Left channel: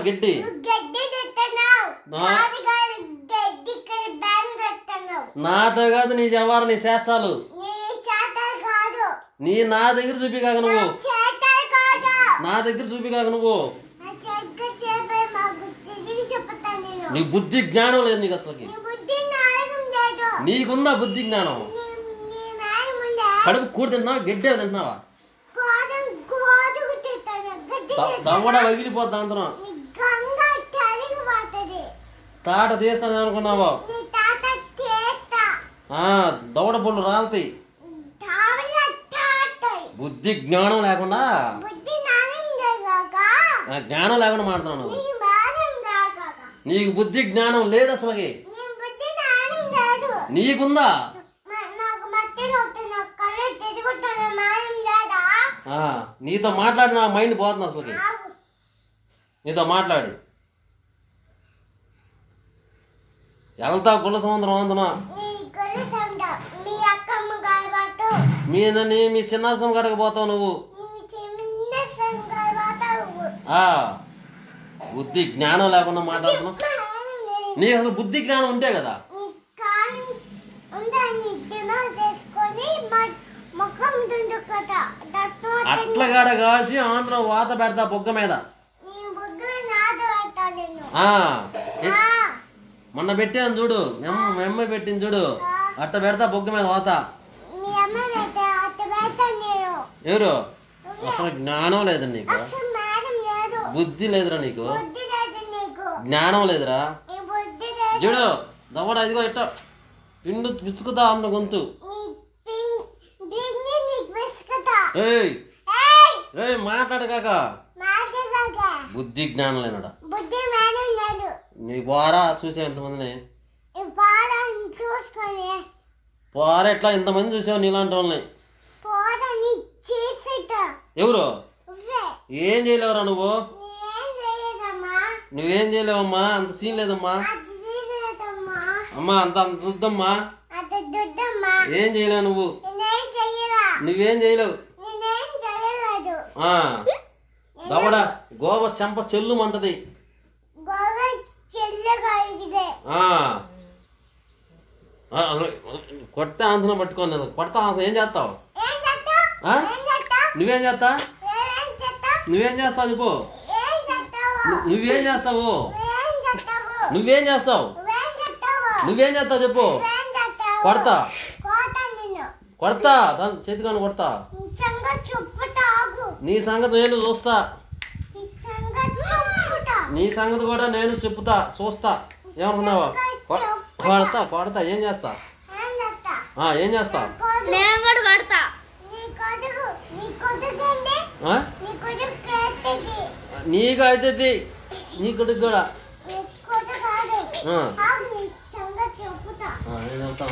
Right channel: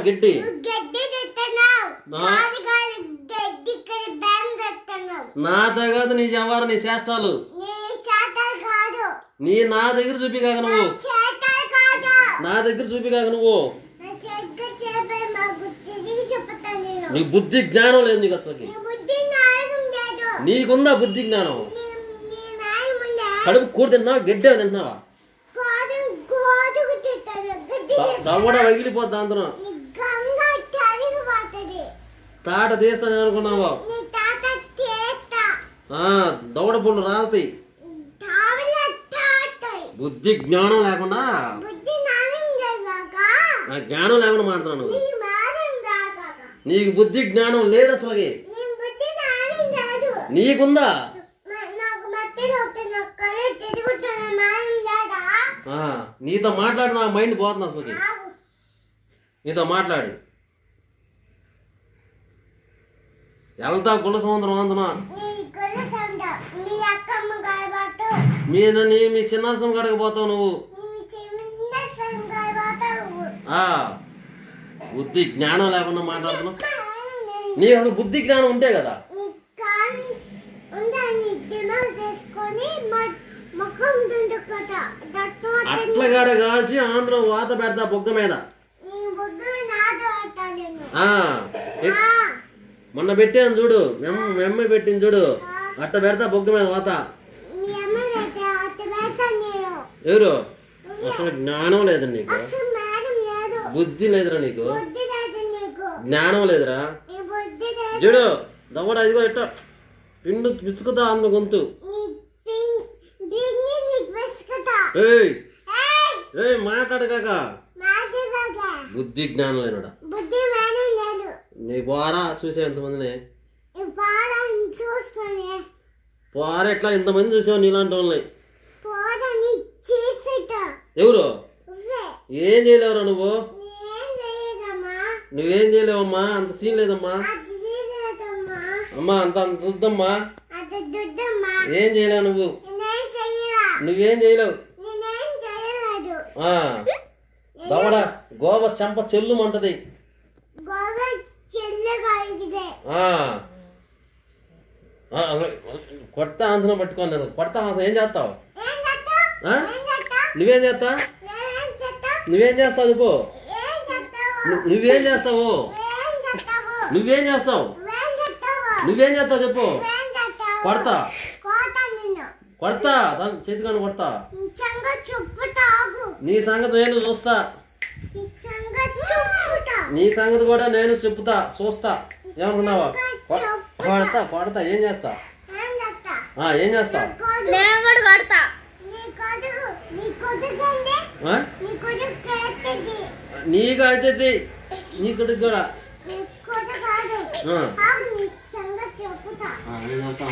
గడ్డి నాతో కాదు నీ జవారు నీ చేష్టాలు నీ నా దగ్గర చూపి కాక నువ్వు నా దగ్గర చూపి కాక నువ్వు నీ బుద్ధి జ్ఞానం లేదు నీకు అసలుకి నీకుందా బుద్ధి జ్ఞానం కడుపు కూడి తింటున్నావా గడ్డే తింటున్నావా దవడ పగిలిపోద్దా అందులో తాట తీస్తాను అనుకున్నావా దవడ పళ్ళు రాలుతాయి బుద్ధి జ్ఞానం లేకుండా జ్ఞానం లేకుండా మాట్లాడుతున్నాను నీకు బుద్ధి జ్ఞానం లేదు అసలుకి నీకుందా నీతో మాట్లాడి నా మైండ్ పోతుంది అసలుకి నీతో మాట్లాడి వెళ్తావు గుళ్ళ సముద్రం అందునా మీ చిన్నరసం కాడకి పోతావు నువ్వు బుద్ధి జ్ఞానం లేకుండా మాట్లాడుతున్నావు నీకు అసలు బుద్ధి జ్ఞానం ఉంటే కదా అట్లగాడ కాల్చి ఆంధ్ర వాత పెడతా బుగ్గ మీద మొన్న పెట్టాను చూడు మెమ్మ పెట్టింది చూడు అట్ట పెడతా బుగ్గ మీద వాత ఎవరు అసలు జ్ఞానం లేదు నీకు బుద్ధి లేదురా నీకు జ్ఞానం లేదురా చూడు దవ్వడ ఇదిగో ఇట్ట పిండు పిసుకుతా అన్న గొంతు మాట్లాడకాక బుద్ధి జ్ఞానం లేనుడా నీ పోరా చూసే ఎంతమందిని పోరా ఎట్లా ఇంతమంది చూసావు నీలాంటి వాళ్ళని ఎవరు ఏం చేయలేవురా నువ్వేం చేయలేవమ్మా అంత సీన్ లేదమ్మా అమ్మా అంత వద్దమ్మా ఏం చేయలేవు నువ్వేం చేయలేవు దవడ గోవ చెంప చెల్లుమంటది కొట్ట ఆంధ్రం పట్టుకోండి కొడతా ఏం చేస్తావు నువ్వేం చేస్తావు చెప్పు నువ్వేం చేస్తావు చెప్పు కొడతా చేతికాను కొడతా నీ సంగతి నేను చూస్తా నీ సంగతి కూడా నేను చెప్తా చూస్తా ఏమనుకున్నావా కొడతా ఏం చేస్తా నీకు అయితే నీ కొడుకు కూడా నేను చెప్తా